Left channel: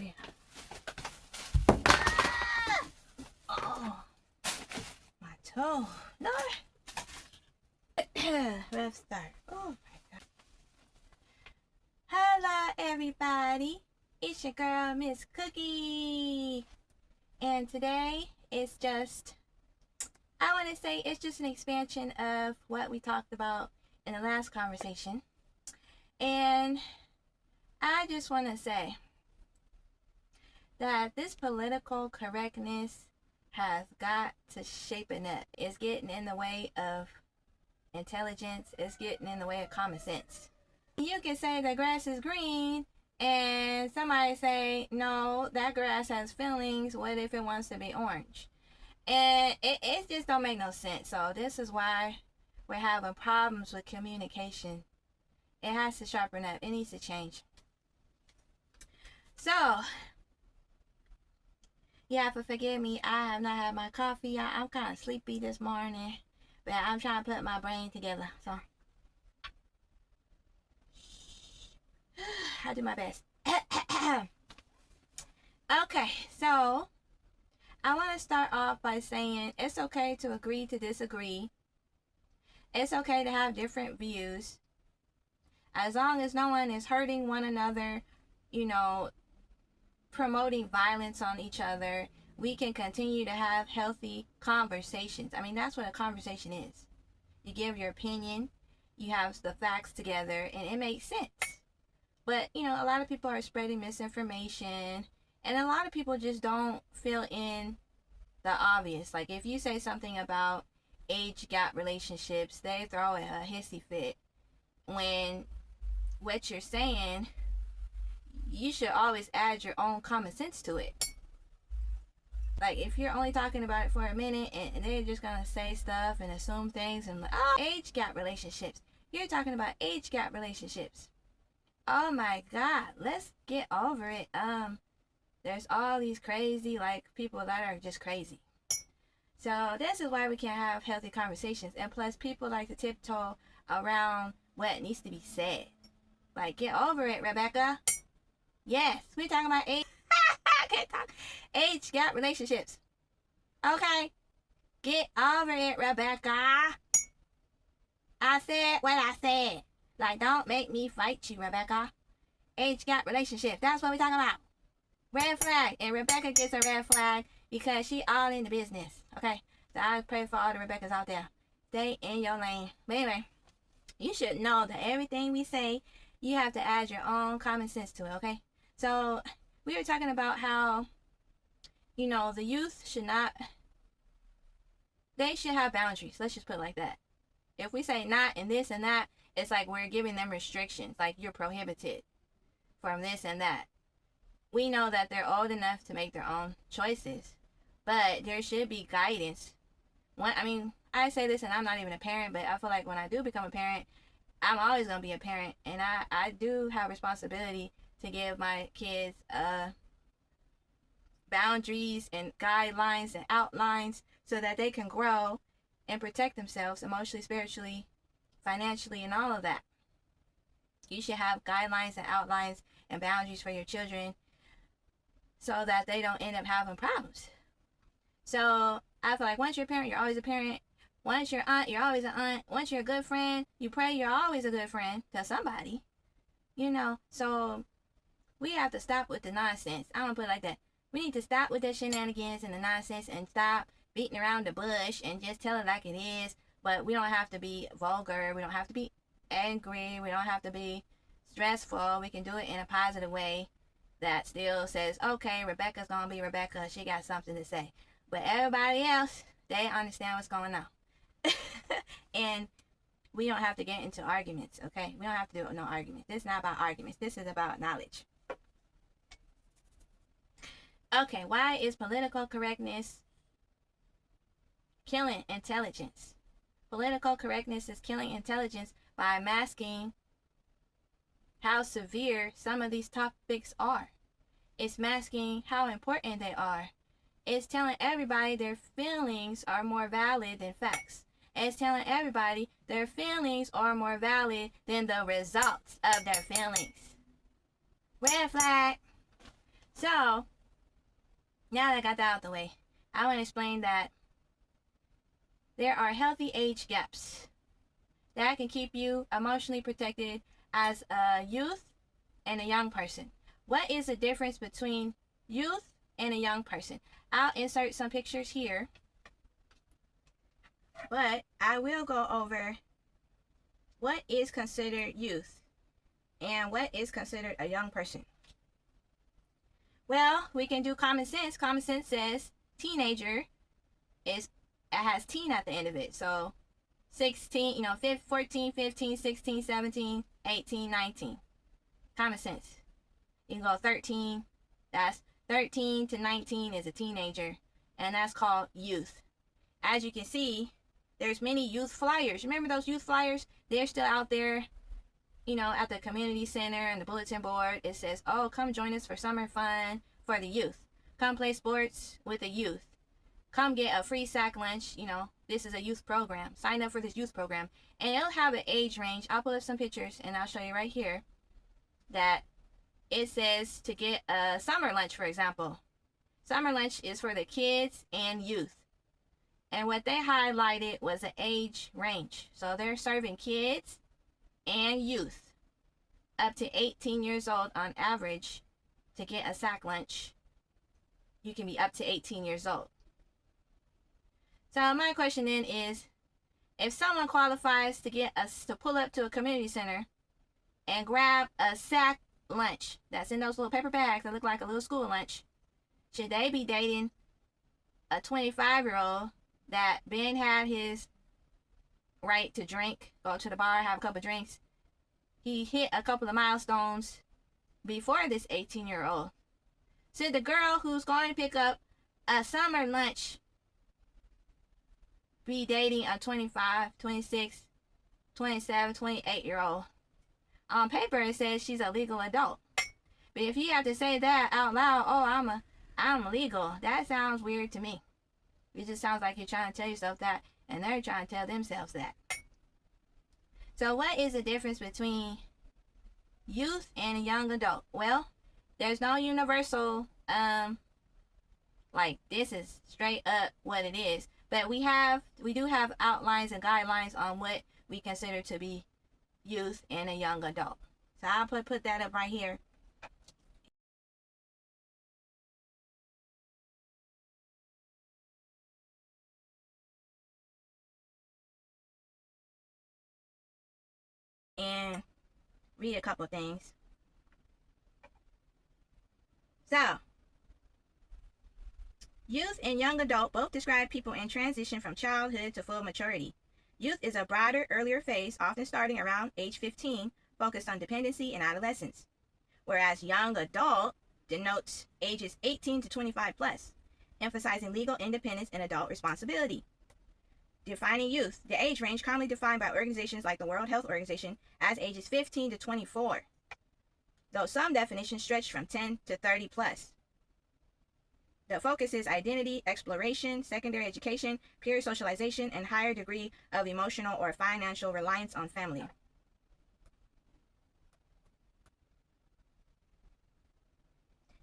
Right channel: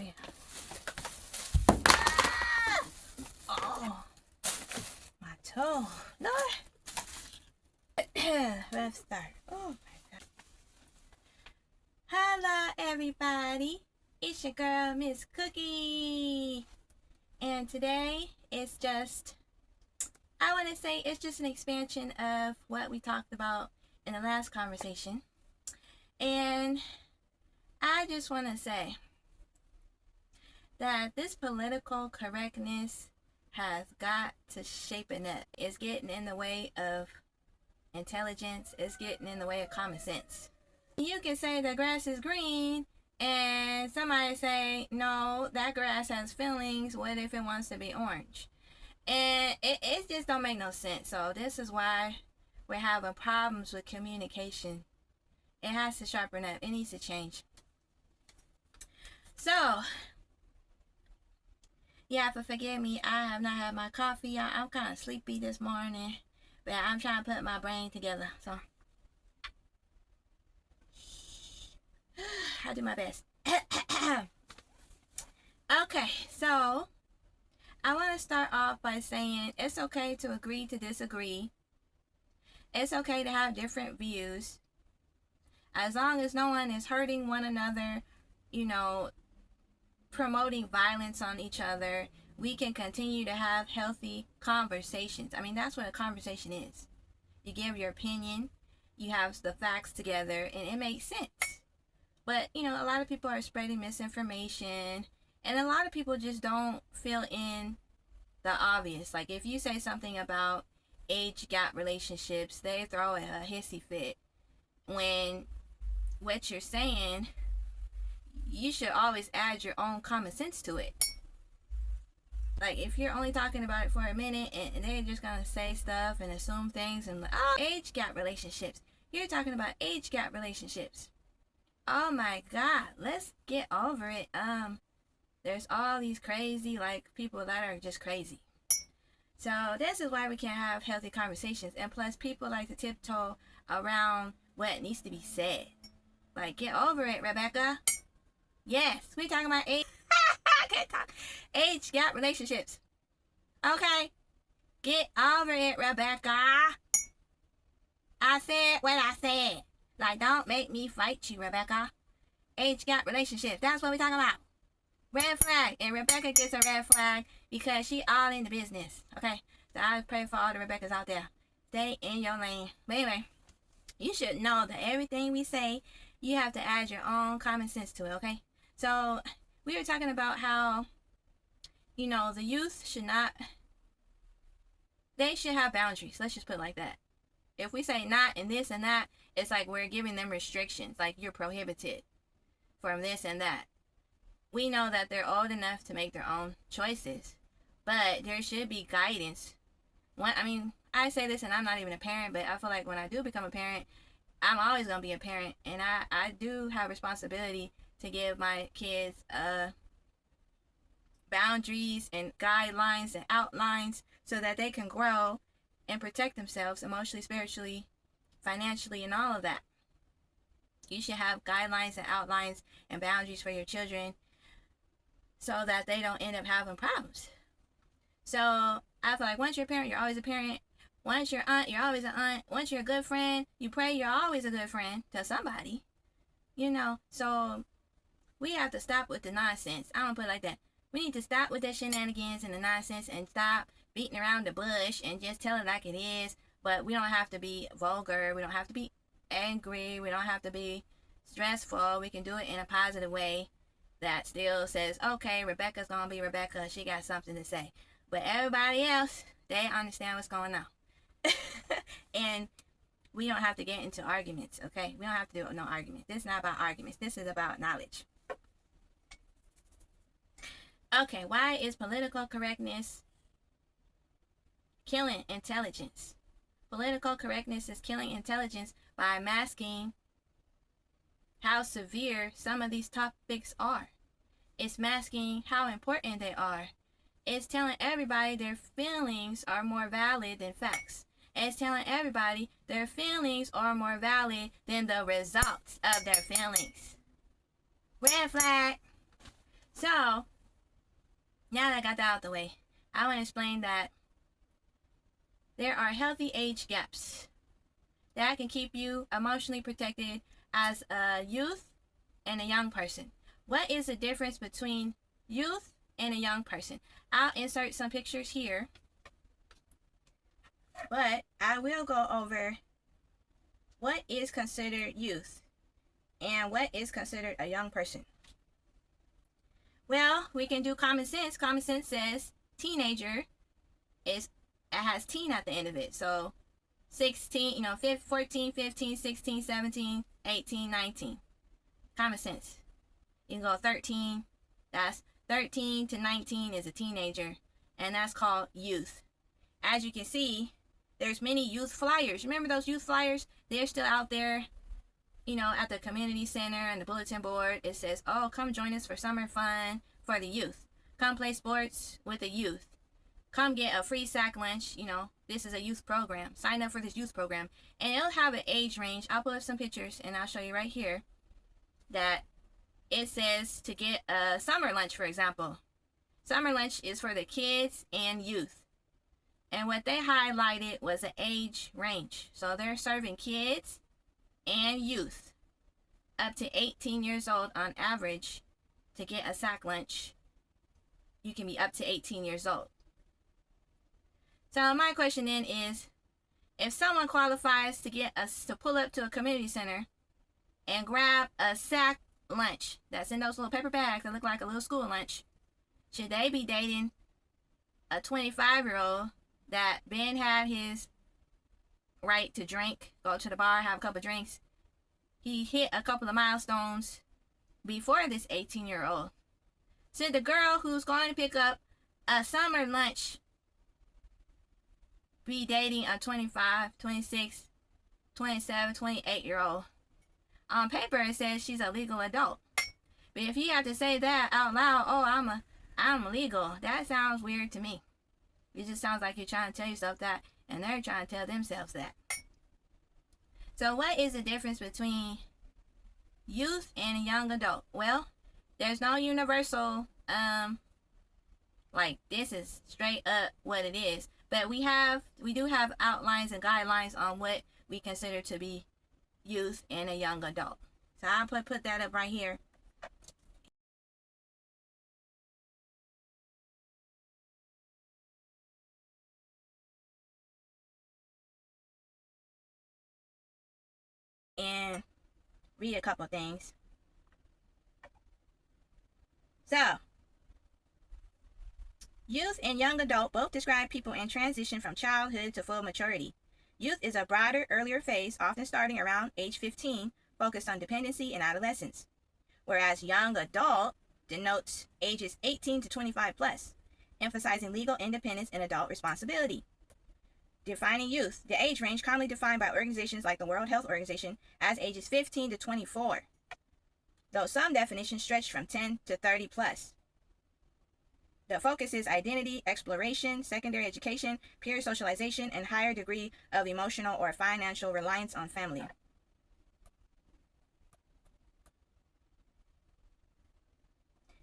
yeah. Oh, my toe. No. Let's start. Oh my God. Hello, everybody. It's your girl, Miss Cookie. And today it's just, I want to say it's just an expansion of what we talked about in the last conversation. And I just want to say that this political correctness has got to shapen up. It's getting in the way of intelligence. It's getting in the way of common sense. You can say the grass is green and somebody say, no, that grass has feelings. What if it wants to be orange? And it just don't make no sense. So this is why we're having problems with communication. It has to sharpen up. It needs to change. So, yeah, but forgive me. I have not had my coffee. I'm kind of sleepy this morning. But I'm trying to put my brain together. So, I'll do my best. Okay, so I want to start off by saying it's okay to agree to disagree. It's okay to have different views. As long as no one is hurting one another, promoting violence on each other, we can continue to have healthy conversations. I mean, that's what a conversation is. You give your opinion, you have the facts together, and it makes sense. But, a lot of people are spreading misinformation, and a lot of people just don't fill in the obvious. Like, if you say something about age gap relationships, they throw a hissy fit. When what you're saying, you should always add your own common sense to it. Like, if you're only talking about it for a minute and they're just gonna say stuff and assume things and like, oh, age gap relationships. You're talking about age gap relationships. Oh my God, let's get over it. There's all these crazy, people that are just crazy. So this is why we can't have healthy conversations. And plus, people like to tiptoe around what needs to be said. Like, get over it, Rebecca. Yes, we're talking about age. I can't talk. Age gap relationships. Okay, get over it, Rebecca. I said what I said. Like, don't make me fight you, Rebecca. Age gap relationship. That's what we're talking about. Red flag. And Rebecca gets a red flag because she all in the business. Okay? So I pray for all the Rebeccas out there. Stay in your lane. But anyway, you should know that everything we say, you have to add your own common sense to it, okay? So we were talking about how, the youth should not, they should have boundaries. Let's just put it like that. If we say not and this and that, it's like we're giving them restrictions, like you're prohibited from this and that. We know that they're old enough to make their own choices, but there should be guidance. I say this and I'm not even a parent, but I feel like when I do become a parent, I'm always going to be a parent, and I do have responsibility to give my kids boundaries and guidelines and outlines so that they can grow and protect themselves emotionally, spiritually, financially, and all of that. You should have guidelines and outlines and boundaries for your children so that they don't end up having problems. So I feel like once you're a parent, you're always a parent. Once you're an aunt, you're always an aunt. Once you're a good friend, you pray you're always a good friend to somebody. So we have to stop with the nonsense. I don't put it like that. We need to stop with the shenanigans and the nonsense and stop beating around the bush and just tell it like it is. But we don't have to be vulgar. We don't have to be angry. We don't have to be stressful. We can do it in a positive way that still says, okay, Rebecca's going to be Rebecca. She got something to say. But everybody else, they understand what's going on. And we don't have to get into arguments, okay? We don't have to do no arguments. This is not about arguments. This is about knowledge. Okay, why is political correctness killing intelligence? Political correctness is killing intelligence by masking how severe some of these topics are. It's masking how important they are. It's telling everybody their feelings are more valid than facts. It's telling everybody their feelings are more valid than the results of their feelings. Red flag. So, now that I got that out of the way, I want to explain that there are healthy age gaps that can keep you emotionally protected as a youth and a young person. What is the difference between youth and a young person? I'll insert some pictures here, but I will go over what is considered youth and what is considered a young person. Well, we can do common sense. Common sense says teenager is, it has teen at the end of it. So 16, 14, 15, 16, 17, 18, 19. Common sense. You can go 13. That's 13 to 19 is a teenager, and that's called youth. As you can see, there's many youth flyers. Remember those youth flyers? They're still out there, at the community center and the bulletin board. It says, oh, come join us for summer fun for the youth. Come play sports with the youth. Come get a free sack lunch. This is a youth program. Sign up for this youth program. And it'll have an age range. I'll pull up some pictures and I'll show you right here that it says to get a summer lunch, for example. Summer lunch is for the kids and youth. And what they highlighted was an age range. So they're serving kids and youth up to 18 years old on average to get a sack lunch. You can be up to 18 years old. So my question then is, if someone qualifies to pull up to a community center and grab a sack lunch that's in those little paper bags that look like a little school lunch, should they be dating a 25-year-old that been had his right to drink, go to the bar, have a couple of drinks? He hit a couple of milestones before this 18-year-old. Should the girl who's going to pick up a summer lunch be dating a 25, 26, 27, 28-year-old? On paper, it says she's a legal adult. But if you have to say that out loud, oh, I'm legal, that sounds weird to me. It just sounds like you're trying to tell yourself that, and they're trying to tell themselves that. So what is the difference between youth and a young adult? Well, there's no universal, like this is straight up what it is. But we do have outlines and guidelines on what we consider to be youth and a young adult. So I'll put that up right here. And read a couple things. So, youth and young adult both describe people in transition from childhood to full maturity. Youth is a broader, earlier phase, often starting around age 15, focused on dependency and adolescence, whereas young adult denotes ages 18 to 25 plus, emphasizing legal independence and adult responsibility. Defining youth, the age range commonly defined by organizations like the World Health Organization as ages 15 to 24, though some definitions stretch from 10 to 30 plus. The focus is identity, exploration, secondary education, peer socialization, and higher degree of emotional or financial reliance on family.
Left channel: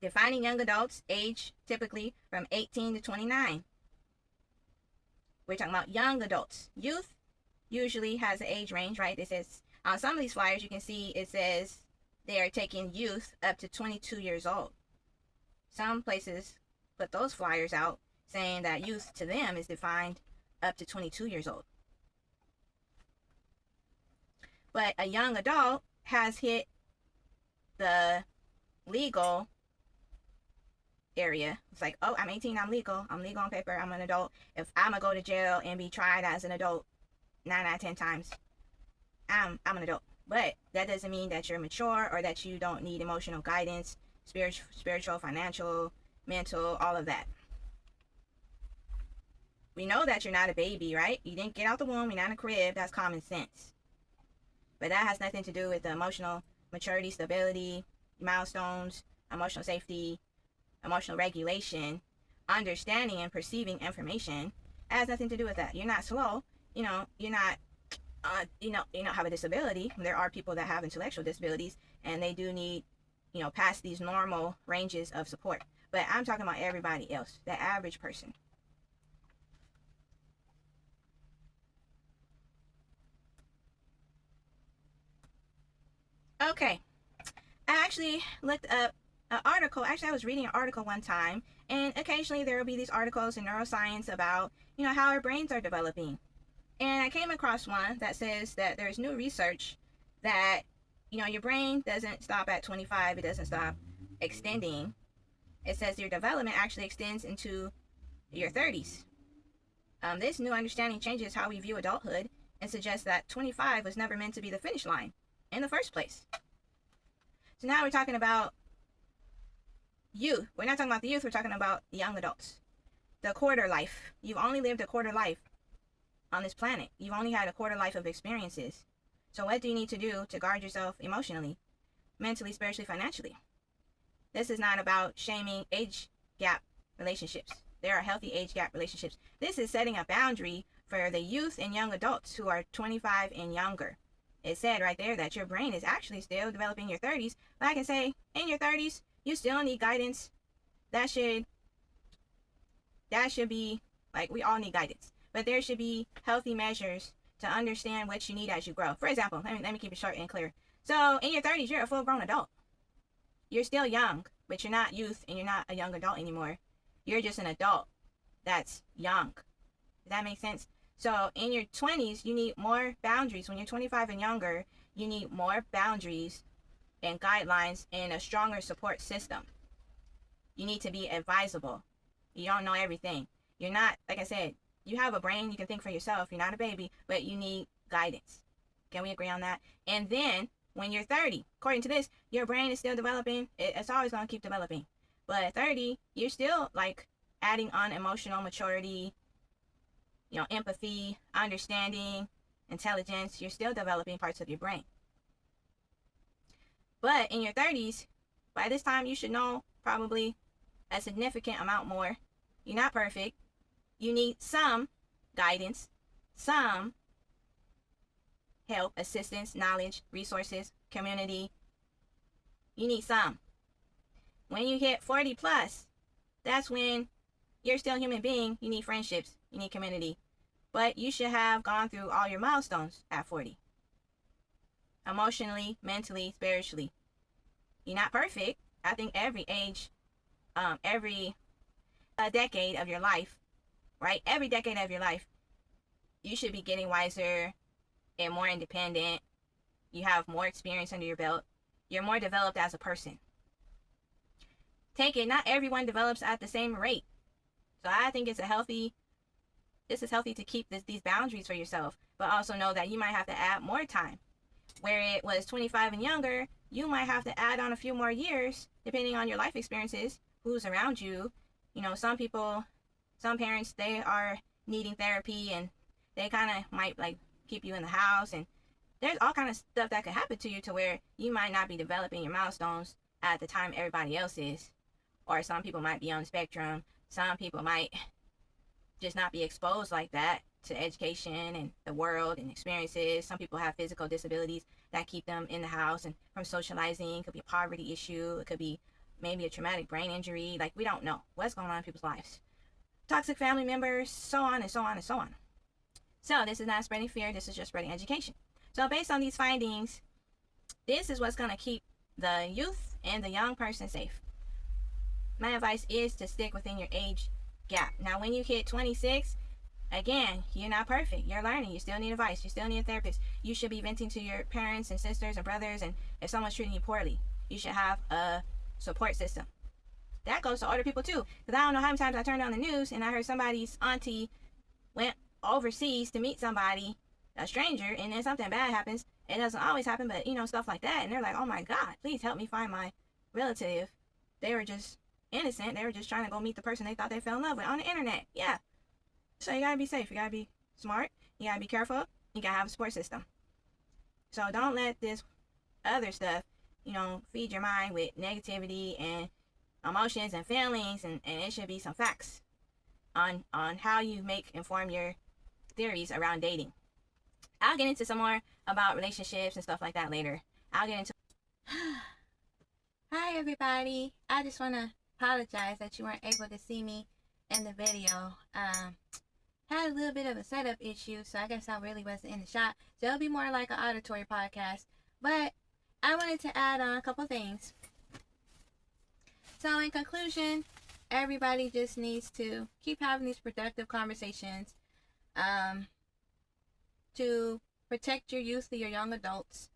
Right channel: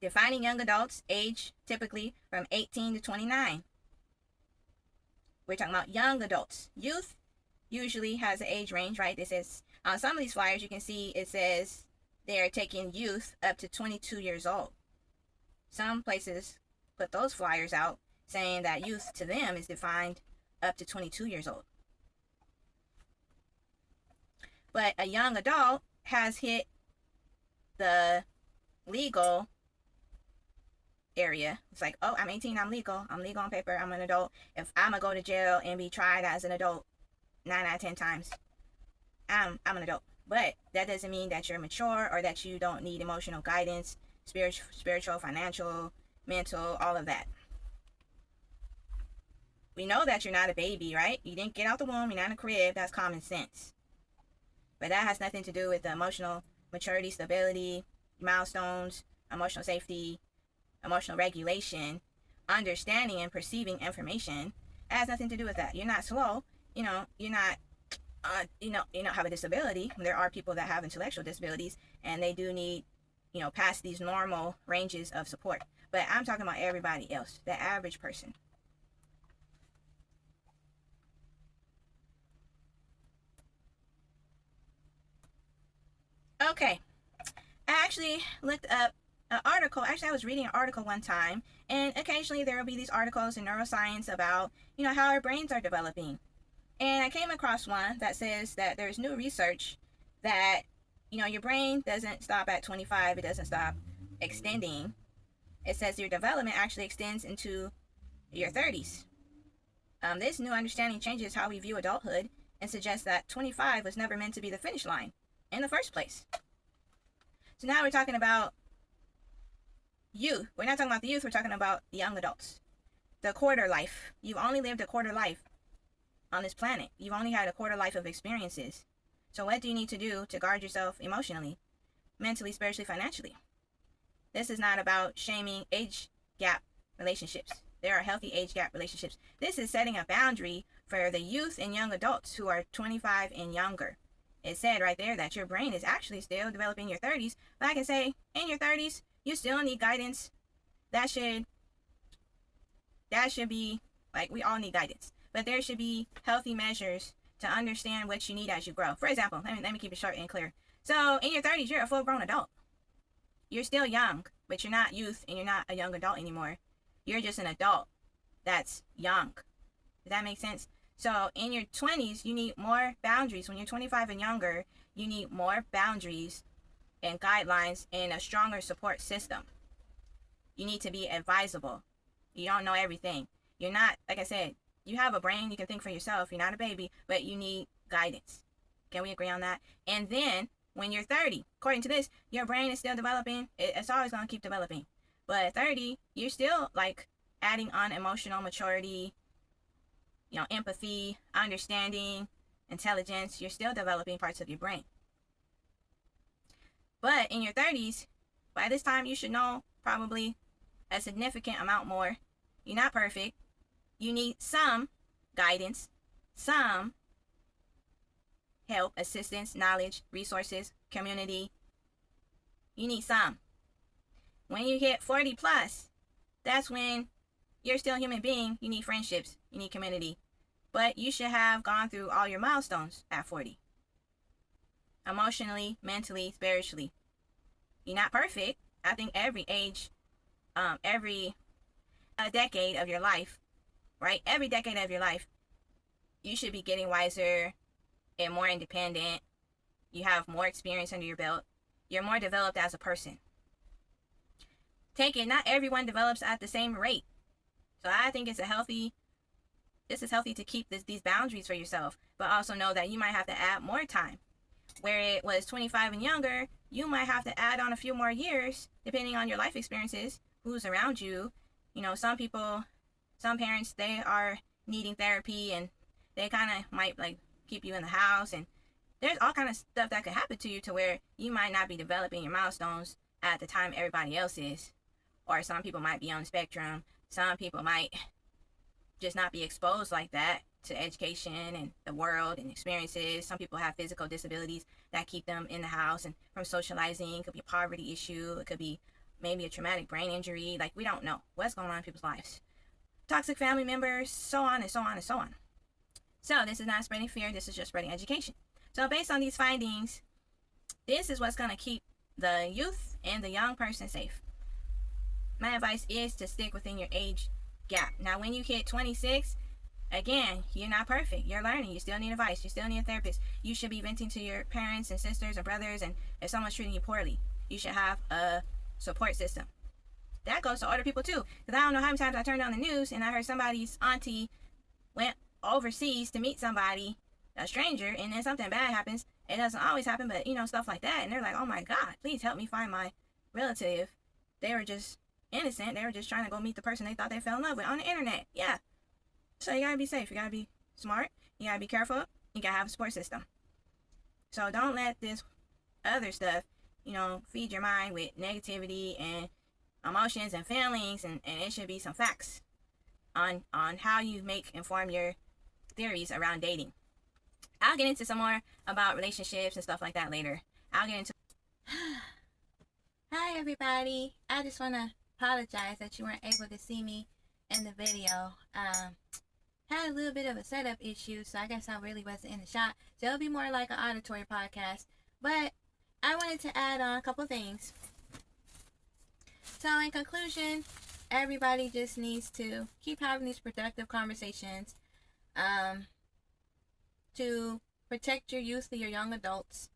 Defining young adults, age typically from 18 to 29. We're talking about young adults. Youth usually has an age range, right? It says on some of these flyers, you can see it says they are taking youth up to 22 years old. Some places put those flyers out saying that youth to them is defined up to 22 years old. But a young adult has hit the legal area. It's like, oh, I'm 18, I'm legal on paper, I'm an adult. If I'm gonna go to jail and be tried as an adult 9 out of 10 times, I'm an adult. But that doesn't mean that you're mature or that you don't need emotional guidance, spiritual, financial, mental, all of that. We know that you're not a baby, right? You didn't get out the womb, you're not in a crib. That's common sense. But that has nothing to do with the emotional maturity, stability, milestones, emotional safety, emotional regulation, understanding and perceiving information. It has nothing to do with that. You're not slow. You're not you don't have a disability. There are people that have intellectual disabilities and they do need past these normal ranges of support. But I'm talking about everybody else, the average person. Okay, I actually looked up an article. Actually, I was reading an article one time, and occasionally there will be these articles in neuroscience about, how our brains are developing. And I came across one that says that there's new research that, your brain doesn't stop at 25. It doesn't stop extending. It says your development actually extends into your 30s. This new understanding changes how we view adulthood and suggests that 25 was never meant to be the finish line in the first place. So now we're talking about youth. We're not talking about the youth, we're talking about the young adults. The quarter life. You've only lived a quarter life on this planet. You've only had a quarter life of experiences. So what do you need to do to guard yourself emotionally, mentally, spiritually, financially? This is not about shaming age gap relationships. There are healthy age gap relationships. This is setting a boundary for the youth and young adults who are 25 and younger. It said right there that your brain is actually still developing in your 30s. But I can say in your 30s, you still need guidance. That should be, like, we all need guidance. But there should be healthy measures to understand what you need as you grow. For example, let me keep it short and clear. So in your 30s, you're a full-grown adult. You're still young, but you're not youth and you're not a young adult anymore. You're just an adult that's young. Does that make sense? So in your 20s, you need more boundaries. When you're 25 and younger, you need more boundaries and guidelines and a stronger support system. You need to be advisable. You don't know everything. You're not, like I said, you have a brain. You can think for yourself. You're not a baby, but you need guidance. Can we agree on that? And then when you're 30, according to this, your brain is still developing. It's always going to keep developing. But at 30, you're still like adding on emotional maturity, empathy, understanding, intelligence. You're still developing parts of your brain. But in your 30s, by this time, you should know probably a significant amount more. You're not perfect. You need some guidance, some help, assistance, knowledge, resources, community. You need some. When you hit 40 plus, that's when you're still a human being. You need friendships. You need community. But you should have gone through all your milestones at 40. Emotionally, mentally, spiritually. You're not perfect. I think every age, every decade of your life, right? Every decade of your life, you should be getting wiser and more independent. You have more experience under your belt. You're more developed as a person. Take it, not everyone develops at the same rate. So I think this is healthy to keep these boundaries for yourself, but also know that you might have to add more time. Where it was 25 and younger, you might have to add on a few more years, depending on your life experiences, who's around you. Some parents, they are needing therapy and they kind of might like keep you in the house, and there's all kind of stuff that could happen to you to where you might not be developing your milestones at the time everybody else is. Or some people might be on the spectrum. Some people might just not be exposed like that to education and the world and experiences. Some people have physical disabilities that keep them in the house and from socializing. It could be a poverty issue. It could be maybe a traumatic brain injury. Like, we don't know what's going on in people's lives. Toxic family members, so on and so on and so on. So this is not spreading fear. This is just spreading education. So based on these findings, this is what's going to keep the youth and the young person safe. My advice is to stick within your age gap. Now, when you hit 26, again, you're not perfect. You're learning. You still need advice. You still need a therapist. You should be venting to your parents and sisters and brothers. And if someone's treating you poorly, you should have a support system. That goes to older people too. Because I don't know how many times I turned on the news and I heard somebody's auntie went overseas to meet somebody, a stranger, and then something bad happens. It doesn't always happen, but stuff like that. And they're like, oh my God, please help me find my relative. They were just innocent. They were just trying to go meet the person they thought they fell in love with on the internet. Yeah. So you gotta be safe. You gotta be smart. You gotta be careful. You gotta have a support system. So don't let this other stuff, feed your mind with negativity and emotions and feelings, and it should be some facts on how you inform your theories around dating. I'll get into some more about relationships and stuff like that later. I'll get into Hi everybody. I just want to apologize that you weren't able to see me in the video. Had a little bit of a setup issue, so I guess I really wasn't in the shot. So it'll be more like an auditory podcast. But I wanted to add on a couple things. So in conclusion, everybody just needs to keep having these productive conversations to protect your youth or your young adults.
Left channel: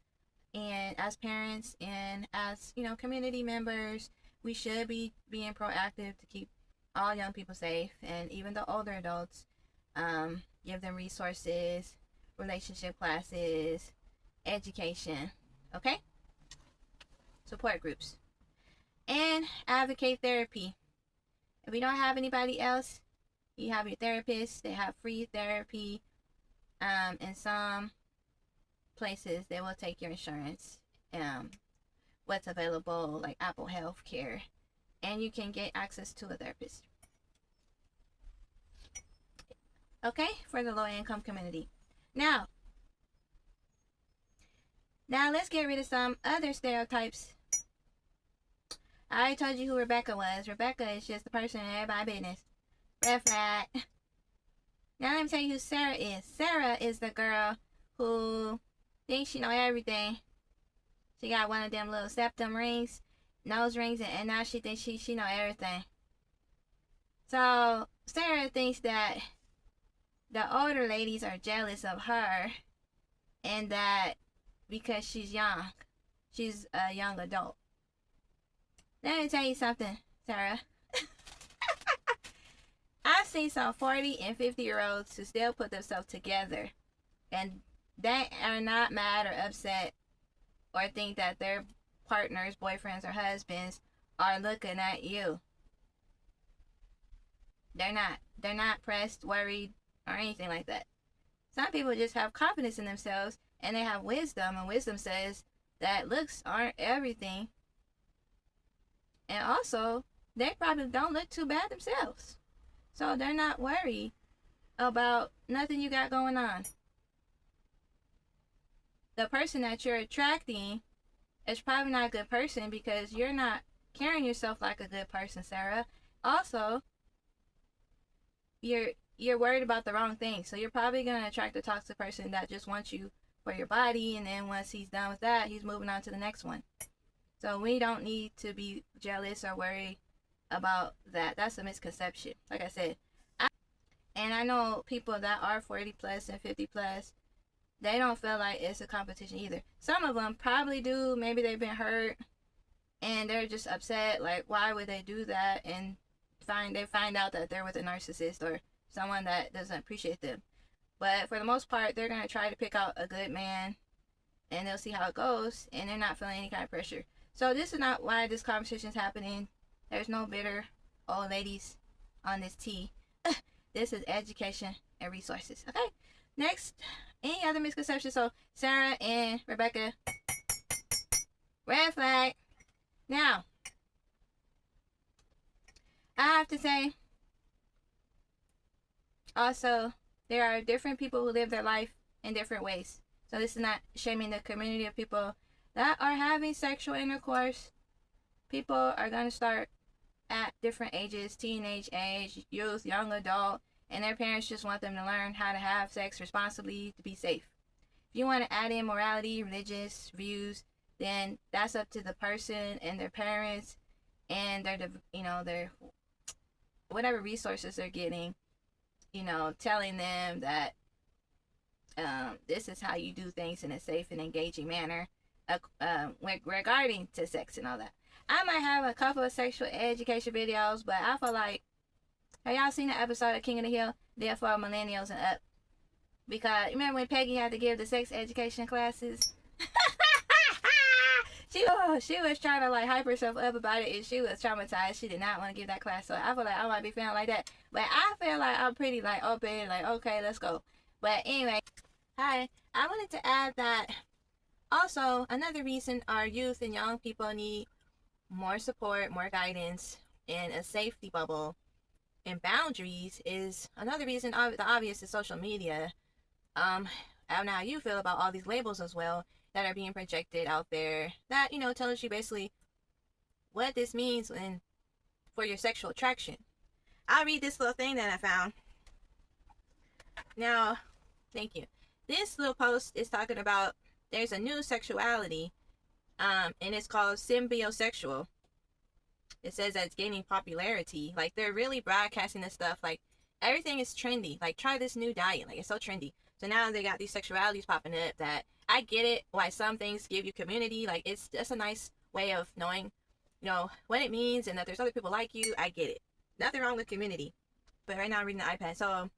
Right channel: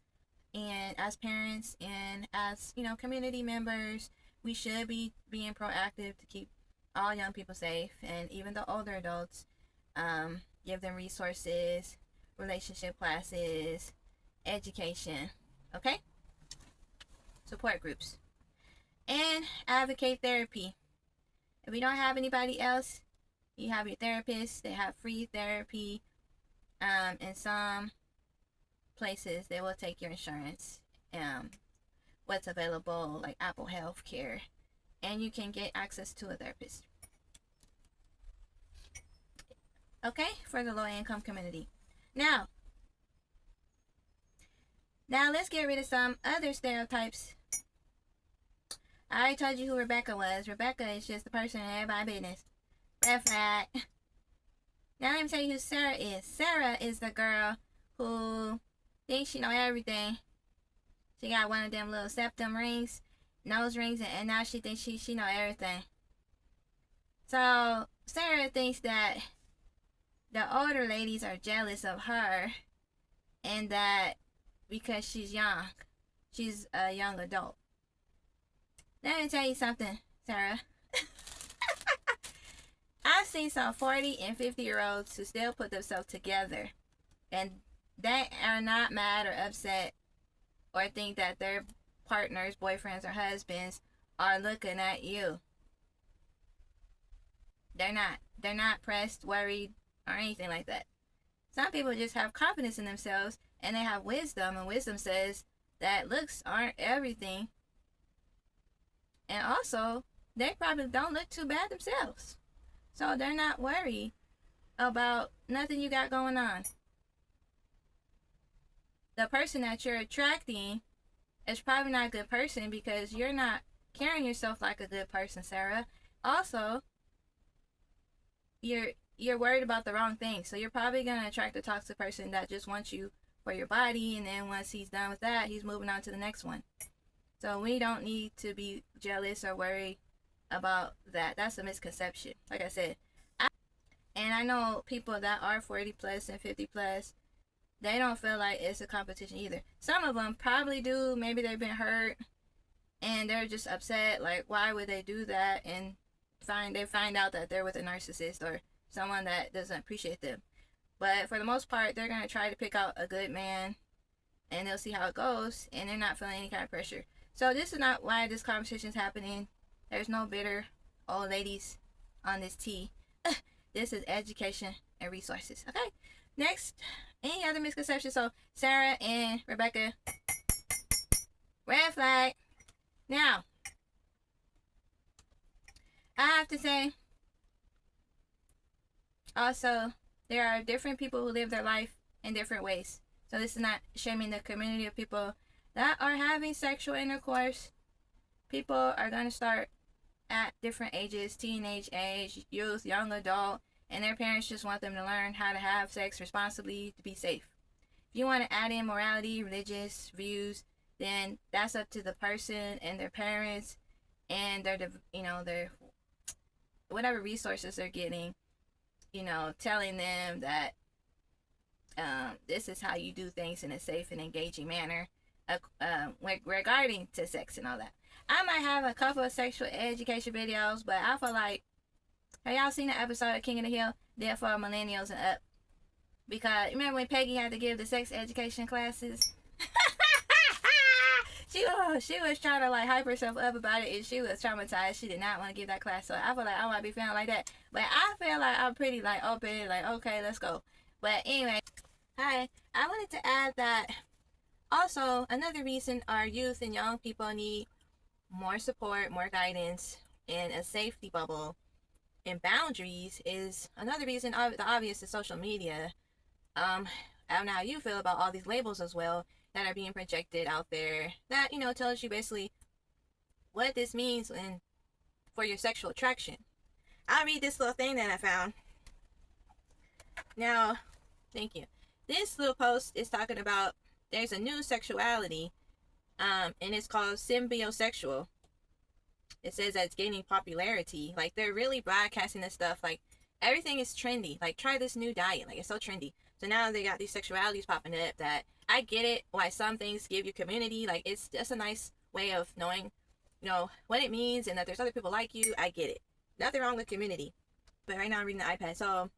And as parents and as, community members, we should be being proactive to keep all young people safe, and even the older adults, give them resources, relationship classes, education, okay? Support groups. And advocate therapy. If we don't have anybody else, you have your therapist. They have free therapy. In some places, they will take your insurance. What's available, like Apple Health Care, and you can get access to a therapist. Okay, for the low income community. Now let's get rid of some other stereotypes. I already told you who Rebecca was. Rebecca is just the person in everybody's business. Red flag. Now let me tell you who Sarah is. Sarah is the girl who thinks she know everything. She got one of them little septum rings, nose rings, and now she thinks she know everything. So Sarah thinks that the older ladies are jealous of her, and that because she's young, she's a young adult. Let me tell you something, Sarah. I've seen some 40 and 50-year-olds who still put themselves together, and they are not mad or upset or think that their partners, boyfriends, or husbands are looking at you. They're not. They're not pressed, worried, or anything like that. Some people just have confidence in themselves, and they have wisdom, and wisdom says that looks aren't everything. And also, they probably don't look too bad themselves. So they're not worried about nothing you got going on. The person that you're attracting is probably not a good person because you're not carrying yourself like a good person, Sarah. Also, you're worried about the wrong thing. So you're probably going to attract a toxic person that just wants you for your body, and then once he's done with that, he's moving on to the next one. So we don't need to be jealous or worried about that. That's a misconception. Like I said, I know people that are 40 plus and 50 plus, they don't feel like it's a competition either. Some of them probably do. Maybe they've been hurt and they're just upset. Like, why would they do that? And they find out that they're with a narcissist or someone that doesn't appreciate them. But for the most part, they're going to try to pick out a good man, and they'll see how it goes, and they're not feeling any kind of pressure. So this is not why this conversation is happening. There's no bitter old ladies on this tea. This is education and resources. Okay. Next, any other misconceptions? So Sarah and Rebecca, red flag. Now, I have to say, also, there are different people who live their life in different ways. So this is not shaming the community of people that are having sexual intercourse. People are going to start at different ages, teenage age, youth, young adult, and their parents just want them to learn how to have sex responsibly to be safe. If you want to add in morality, religious views, then that's up to the person and their parents and their whatever resources they're getting, telling them that this is how you do things in a safe and engaging manner regarding to sex and all that. I might have a couple of sexual education videos, but I feel like, have y'all seen the episode of King of the Hill? They're for millennials and up. Because remember when Peggy had to give the sex education classes? She was trying to like hype herself up about it, and she was traumatized. She did not want to give that class. So I feel like I might be feeling like that. But I feel like I'm pretty like open, like okay, let's go. But anyway, hi. I wanted to add that also another reason our youth and young people need more support, more guidance, and a safety bubble and boundaries is another reason. The obvious is social media. I don't know how you feel about all these labels as well that are being projected out there that tells you basically what this means for your sexual attraction. I'll read this little thing that I found. Now, thank you. This little post is talking about there's a new sexuality, and it's called symbiosexual. It says that it's gaining popularity. Like, they're really broadcasting this stuff. Like, everything is trendy. Like, try this new diet. Like, it's so trendy. So now they got these sexualities popping up that I get it why some things give you community. Like, it's just a nice way of knowing, you know, what it means and that there's other people like you. I get it. Nothing wrong with community. But right now I'm reading the iPad. So,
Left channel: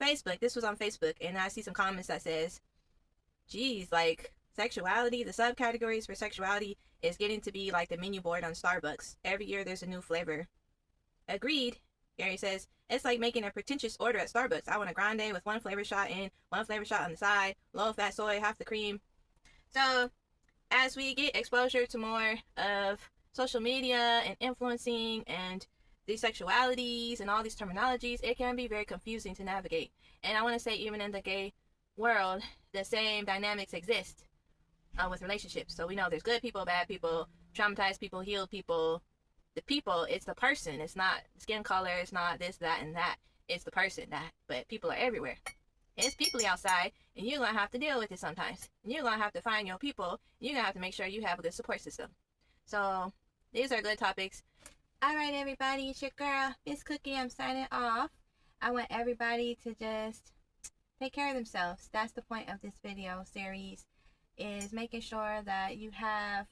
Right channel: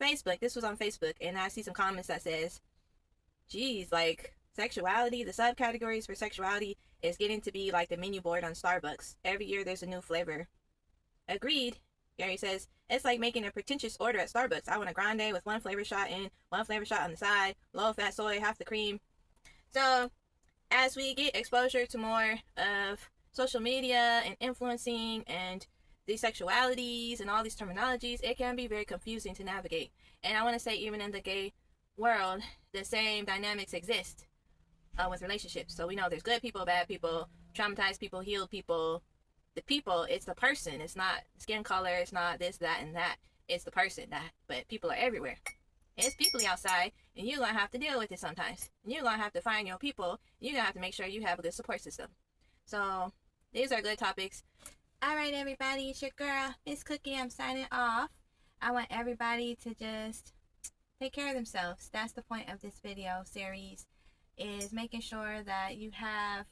Facebook. This was on Facebook, and I see some comments that says, geez, like, sexuality, the subcategories for sexuality is getting to be like the menu board on Starbucks. Every year there's a new flavor. Agreed. Gary says, it's like making a pretentious order at Starbucks. I want a grande with one flavor shot in, one flavor shot on the side, low fat soy, half the cream. So, as we get exposure to more of social media and influencing and these sexualities and all these terminologies, it can be very confusing to navigate. And I want to say, even in the gay world, the same dynamics exist with relationships. So we know there's good people, bad people, traumatized people, healed people. The people, it's the person. It's not skin color. It's not this, that, and that. It's the person. But people are everywhere. It's people outside, and you're going to have to deal with it sometimes. And you're going to have to find your people. You're going to have to make sure you have a good support system. So these are good topics. All right, everybody. It's your girl, Miss Cookie. I'm signing off. I want everybody to just take care of themselves. That's the point of this video series, is making sure that you have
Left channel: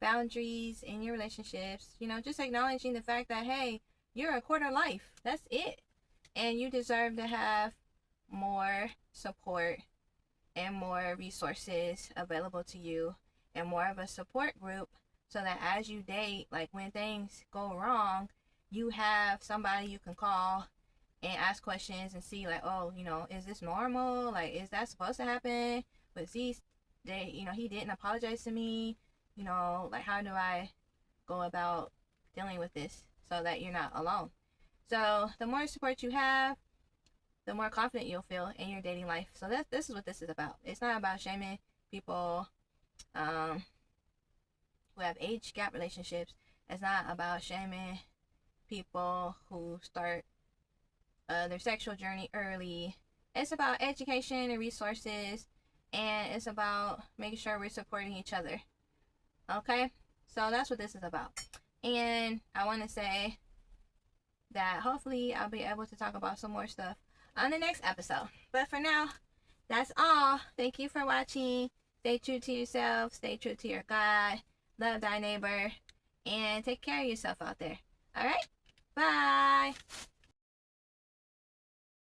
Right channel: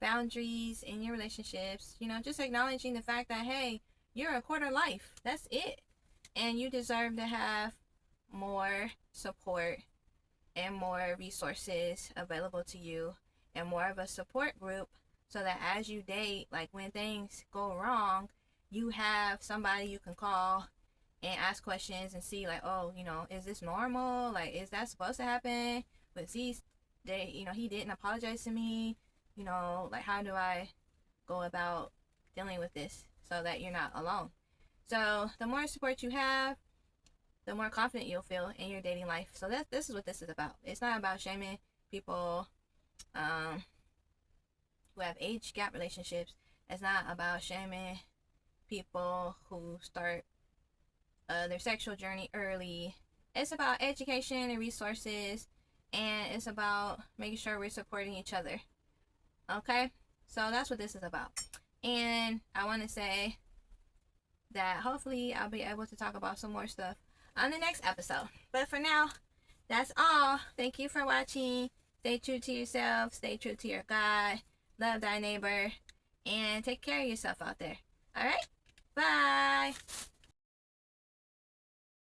boundaries in your relationships. You know, just acknowledging the fact that, hey, you're a quarter life. That's it. And you deserve to have more support and more resources available to you and more of a support group, so that as you date, like when things go wrong, you have somebody you can call and ask questions and see, like, oh, you know, is this normal? Like, is that supposed to happen? But see, he didn't apologize to me. You know, like, how do I go about dealing with this so that you're not alone? So the more support you have, the more confident you'll feel in your dating life. So this is what this is about. It's not about shaming people who have age gap relationships. It's not about shaming people who start their sexual journey early. It's about education and resources, and it's about making sure we're supporting each other. Okay? So that's what this is about. And I want to say that hopefully I'll be able to talk about some more stuff on the next episode. But for now, that's all. Thank you for watching. Stay true to yourself. Stay true to your God. Love thy neighbor. And take care of yourself out there. All right?